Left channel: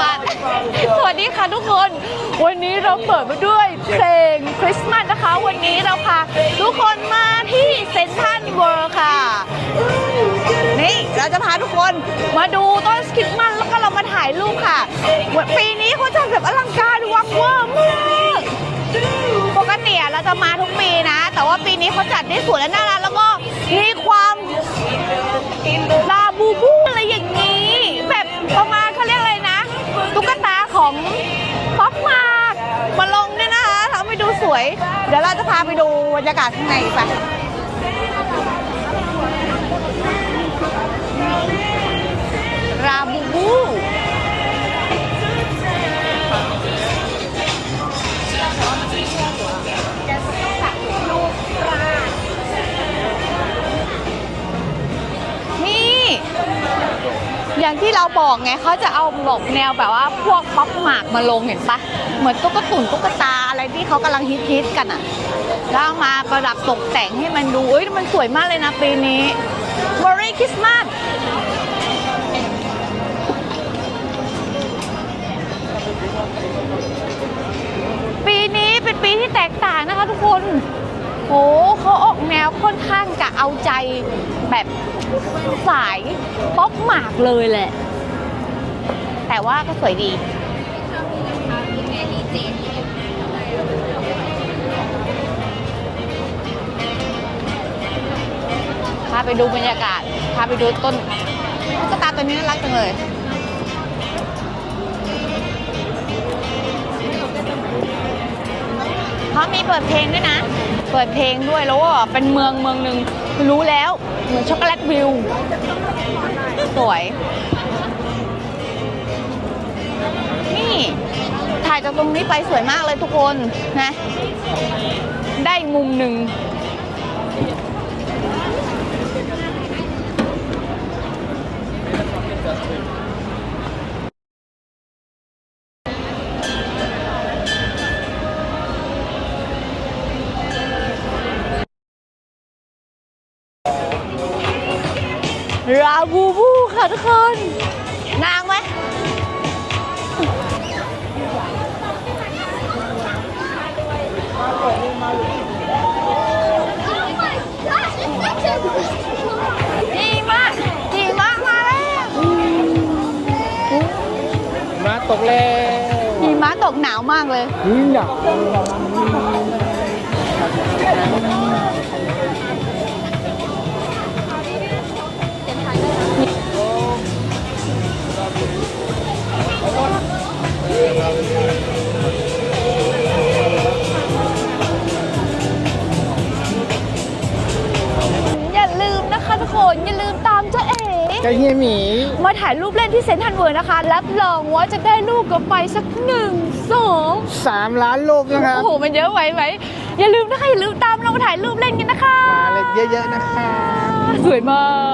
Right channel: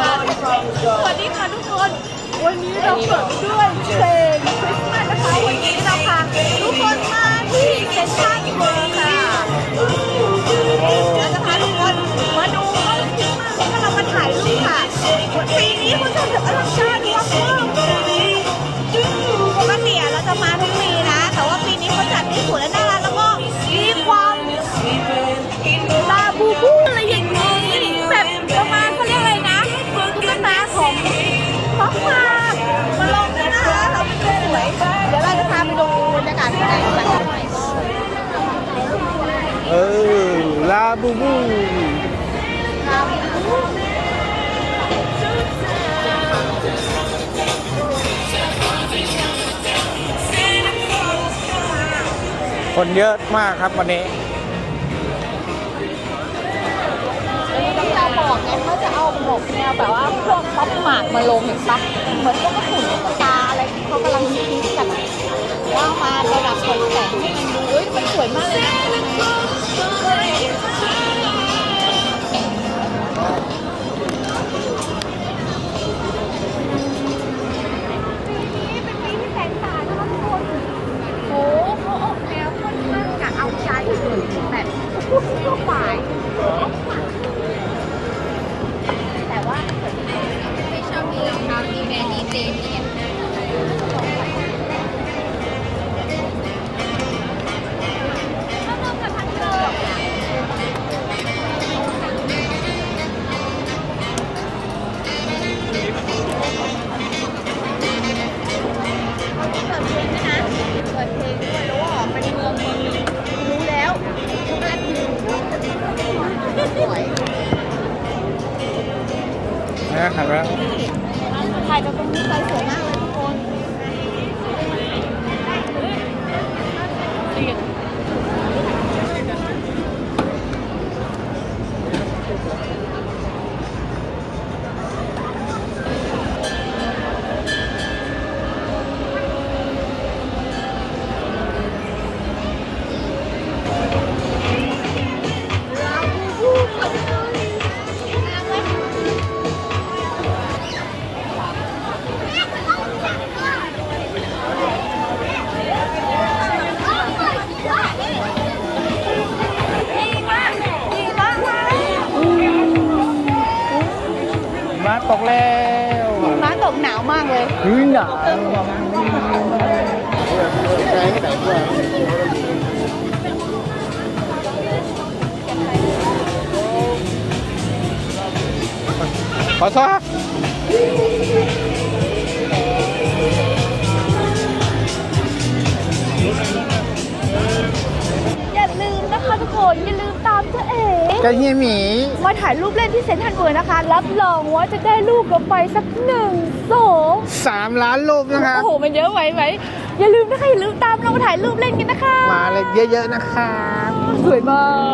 สวัสดีค่ะทุกคน วันนี้เราเปิดด้วยเพลงคริสต์มาสนะคะ วันนี้เราพาทุกคนมาที่เซ็นทรัลเวิร์ค่ะ คนเยอะมากครับวันนี้ นี่ อย่างที่เราบอกไงเขาจะเอาแบบแนวแบบว่าพวกป๊อปหมากมาลงเห็นปะเหมือนตุ๊กตุ่นตุ๊กตาอะไรที่เขากำลังฮิตๆกันอะแล้วมาประดับตกแต่งให้มันดูอุ๊ยมันสวยมากเลยนะปีนี้ Merry Christmas ปีนี้เป็นปีที่แตกต่างนะคะทุกคนโหเขาอ อนวค่อนข้างจะเอาใจแบบสายป๊อปหมากเลยแหละ แต่ว่าก็สวยดีชอบมีรองเท้าที่แบรนดีเจที่พาไปดูบรรยากาศพาไปดูต้นตุ๊กตาตัวนี้น่ารักจังเลย มีเปิดเพลงด้วยนะ เปิดเพลงด้วยแล้วก็เป็นเมืองเมืองหนึ่งรู้แล้วเหมือนช็อกโกแลตวิวสวย นี่ถ่ายจากตรงนี้ไปสวยมากเลยทุกคนนะ ได้มุมหนึ่ง ราบูบูค่ะทุกคนนางไหมดีมากดีมากมาแล้วมาตกแล้วหิมะตกหนาวมากเลยหืนหนาว อย่าลืมนะคะทุกคน อย่าลืมตามเจ้าเอ๋เจ้าเฮียหมี มาถ่ายรูปเล่นที่เซ็นทรัลเวิร์นะคะ รับรองว่าจะได้รูปกลับไปสักหนึ่งสองสามล้านรูปนะครับโอ้โห มันเยอะไหมไหม อย่าลืมนะคะอย่าลืมตามเรามาถ่ายรูปเล่นกันนะคะ มาเลยเยอะๆนะครับสวยมาก